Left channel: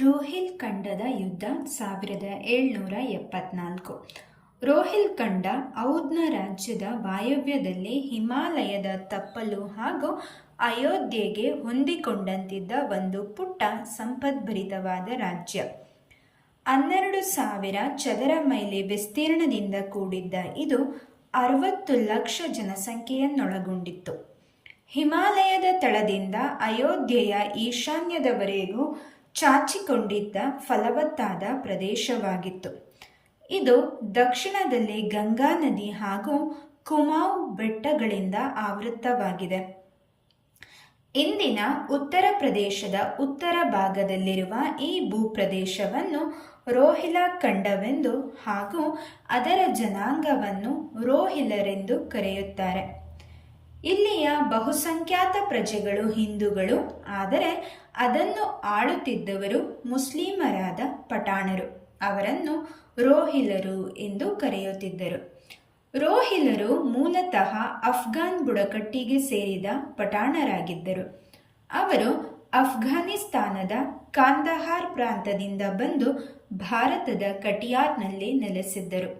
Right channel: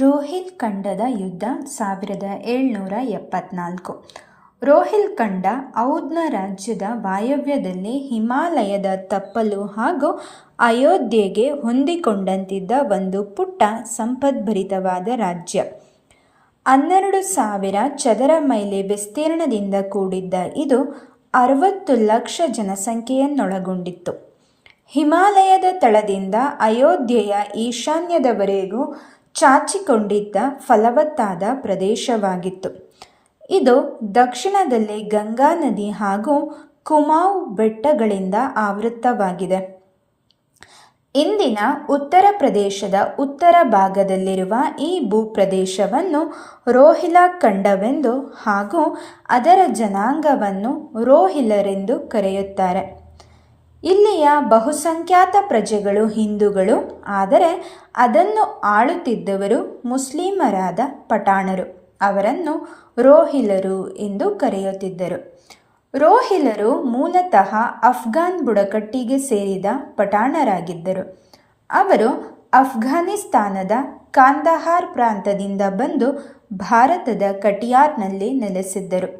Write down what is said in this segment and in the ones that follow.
ರೋಹಿಲ್ಖಂಡದ ಯುದ್ಧ ಸಾವಿರದ ಏಳ್ನೂರ ಎಪ್ಪತ್ನಾಲ್ಕು. ರೋಹಿಲ್ ಖಂಡ ಔದ್ನ ರಾಜ್ಯದ ವಾಯವ್ಯದಲ್ಲಿ ಹಿಮಾಲಯದ ತಪ್ಪಲು ಹಾಗೂ ಅಯೋಧ್ಯೆಗೆ ಹೊಂದಿಕೊಂಡಂತಿದ್ದ ಒಂದು ಪುಟ್ಟ ಸಂಪದ್ಭರಿತವಾದ ರಾಜ್ಯ. ಹನ್ನೆರಡು ಸಾವಿರ ಚದರ ಮೈಲಿ ವಿಸ್ತೀರ್ಣದಿಂದ ಕೂಡಿದ್ದ ಇದು ಅರವತ್ತು ಲಕ್ಷ ಜನಸಂಖ್ಯೆಯನ್ನೊಳಗೊಂಡಿತ್ತು. ಹಿಮಾಲಯದ ತಳದಿಂದ ಅಯೋಧ್ಯೆಯ ಈಶಾನ್ಯದವರೆಗೂ ಚಾಚಿಕೊಂಡಿದ್ದ ಫಲವತ್ತಾದ ಪ್ರದೇಶವಾಗಿತ್ತು. ಇದು ದಕ್ಷಿಣದಲ್ಲಿ ಗಂಗಾ ನದಿ ಹಾಗೂ ಕುಮಾವ್ ಬೆಟ್ಟಗಳಿಂದ ಆವೃತ್ತವಾಗಿದೆ. ಇಂದಿನ ಉತ್ತರ ಪ್ರದೇಶದ ಉತ್ತರ ಭಾಗದಲ್ಲಿರುವ ಈ ಭೂಪ್ರದೇಶವನ್ನು ರೋಹಿಲಖಂಡವೆಂದು ಹಾಗೂ ಅದರ ಜನಾಂಗವನ್ನು ರೋಹಿಲರೆಂದು ಕರೆಯುತ್ತಾರೆ. ಇಲ್ಲಿಯ ಬಹುಸಂಖ್ಯಾತ ಪ್ರಜೆಗಳು ಹಿಂದೂಗಳು, ಆದರೆ ಅದನ್ನು ಆಳುತ್ತಿದ್ದವರು ಮುಸ್ಲಿಮರಾದ ಪಠಾಣರು. ಅವರನ್ನು ರೋಹಿಲರು ಎಂದು ಕರೆಯುತ್ತಿದ್ದರು. ರೋಹಿಲರು ಮೂಲತಃ ಅಫ್ಘಾನ್ ಬುಡಕಟ್ಟಿಗೆ ಸೇರಿದ ಪಠಾಣರಾಗಿದ್ದರು. ಅವರು ಅಫ್ಘಾನಿಸ್ತಾನದ ಕಾಂದಹಾರ್ ಪ್ರಾಂತದಿಂದ ಬಂದು ಭಾರತದ ಕಟಿಯಾರ್ನಲ್ಲಿ ನೆಲೆಸಿದ್ದರು.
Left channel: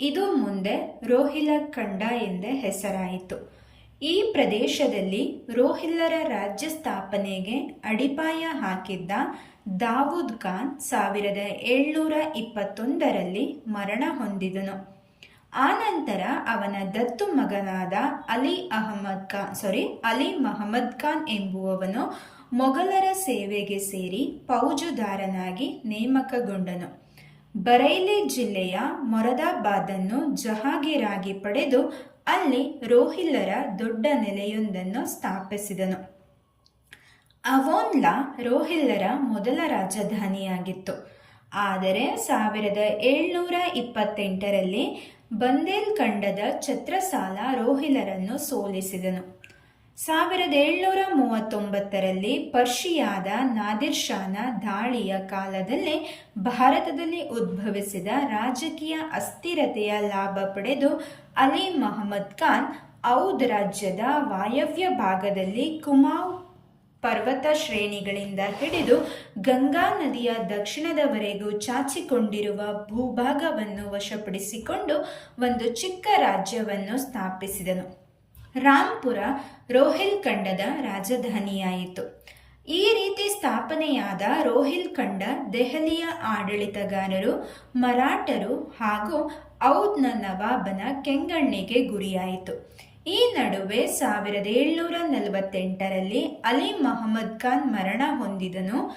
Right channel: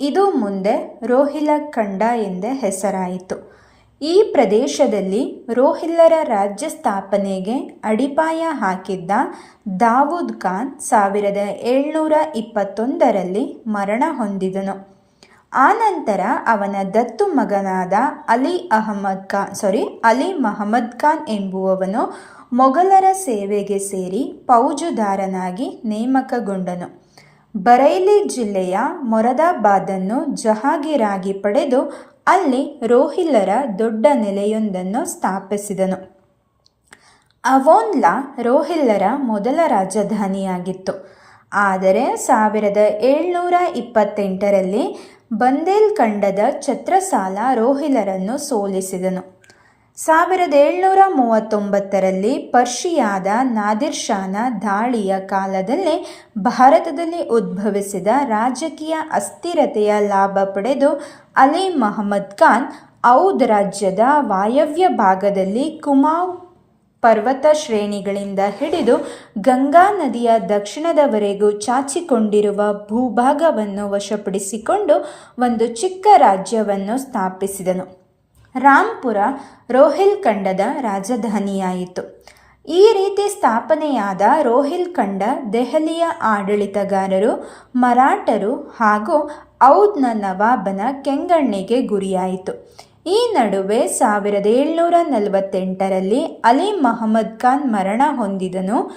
ಇದು ಮುಂದೆ ರೋಹಿಲ ಖಂಡ ಎಂದೇ ಹೆಸರಾಯಿತು. ಈ ಪ್ರದೇಶದಲ್ಲಿ ರೋಹಿಲ್ಲರ ರಾಜ್ಯ ಸ್ಥಾಪನೆಗೆ ಅಡಿಪಾಯ ಹಾಕಿದ್ದ ದಾವೂದ್ ಖಾನ್ ಸಾವಿರದ ಏಳ್ನೂರ ಇಪ್ಪತ್ತೊಂದರಲ್ಲಿ ಮರಣ ಹೊಂದಿದನು. ಆನಂತರ ಅವನ ದತ್ತು ಮಗನಾದ ಅಲಿ ಅಹಮದ್ ಖಾನ್ ಸಾರಿ ಅಲಿ ಮಹಮ್ಮದ್ ಖಾನ್ ಎಂಬುವವನು ಮೊಘಲರ ಸೇವೆಗೆ ಸೇರಿ ಫೌಜುದಾರನಾಗಿ ನೇಮಕಗೊಂಡನು. ಬರೈಲಿ ಜಿಲ್ಲೆಯ ಮೊರದಾಬಾದನ್ನು ಜಹಾಗೀರಾಗಿ ಪಡೆದು ಅಲ್ಲಿ ರೋಹಿಲ್ಲರ ದೊಡ್ಡ ನೆಲೆಯೊಂದನ್ನು ಸ್ಥಾಪಿಸಿದನು. ಅವೋನ್ಲಾ ರೋಹಿಲ್ಲರ ಮೊದಲ ರಾಜಧಾನಿಯಾಗಿತ್ತು. ಆದರೆ ಸಾವಿರದ ಏಳ್ನೂರ ಇಪ್ಪತ್ತೆಂಟರಲ್ಲಿ ಬಂದೇಲ್ಖಂಡದ ಛತ್ರಸಾಲ ರೋಹಿಲರನ್ನು ಸೋಲಿಸಿದನು. ಸಾವಿರದ ಏಳ್ನೂರ ಮೂವತ್ತೊಂಬತ್ತರಲ್ಲಿ ಪರ್ಷಿಯಾದ ನಾದಿರ್ ಶಾನ ದಾಳಿಯ ಕಾಲದಲ್ಲೇ ಭಾರತದಲ್ಲಿ ಉದ್ಭವಿಸಿದ ರಾಜಕೀಯ ಅಸ್ಥಿರತೆಯ ಲಾಭ ಪಡೆದು ಅಲಿ ಮಹಮ್ಮದ್ ಖಾನ್ ಔದ್ ರಾಜ್ಯದ ವಾಯವ್ಯ ಭಾಗದಲ್ಲಿ ಕುಮಾವ್ ಪರ್ವತ ಶ್ರೇಣಿಗಳಿಂದ ಹಿಡಿದು ಗಂಗಾ ನದಿಯ ದಕ್ಷಿಣದವರೆಗೂ ಚಾಚಿಕೊಂಡಿರುವ ಭೂಭಾಗವನ್ನು ವಶಪಡಿಸಿಕೊಂಡು ಒಂದು ಚಿಕ್ಕ ರಾಜ್ಯವನ್ನು ಸ್ಥಾಪಿಸಿದನು. ರಾಂಪುರ ರೋಹಿಲ್ಖಂಡದ ರಾಜಧಾನಿಯಾಯಿತು. ಈ ರೀತಿ ಸ್ಥಾಪನೆಯಾದ ರೋಹಿಲ್ಖಂಡ ದೆಹಲಿಯ ಆಡಳಿತಗಾರರು, ಮರಾಠರು ಹಾಗೂ ಔದ್ನ ನವಾಬನ ಕೆಂಗಣ್ಣಿಗೆ ಗುರಿಯಾಯಿತು. ಈ ನಡುವೆ ಸಾವಿರದ ಏಳ್ನೂರ ನಲವತ್ತೆಂಟರಲ್ಲಿ ಅಲಿ ಮಹಮ್ಮದ್ ಖಾನ್ ಮರಣ ಹೊಂದಿದನು.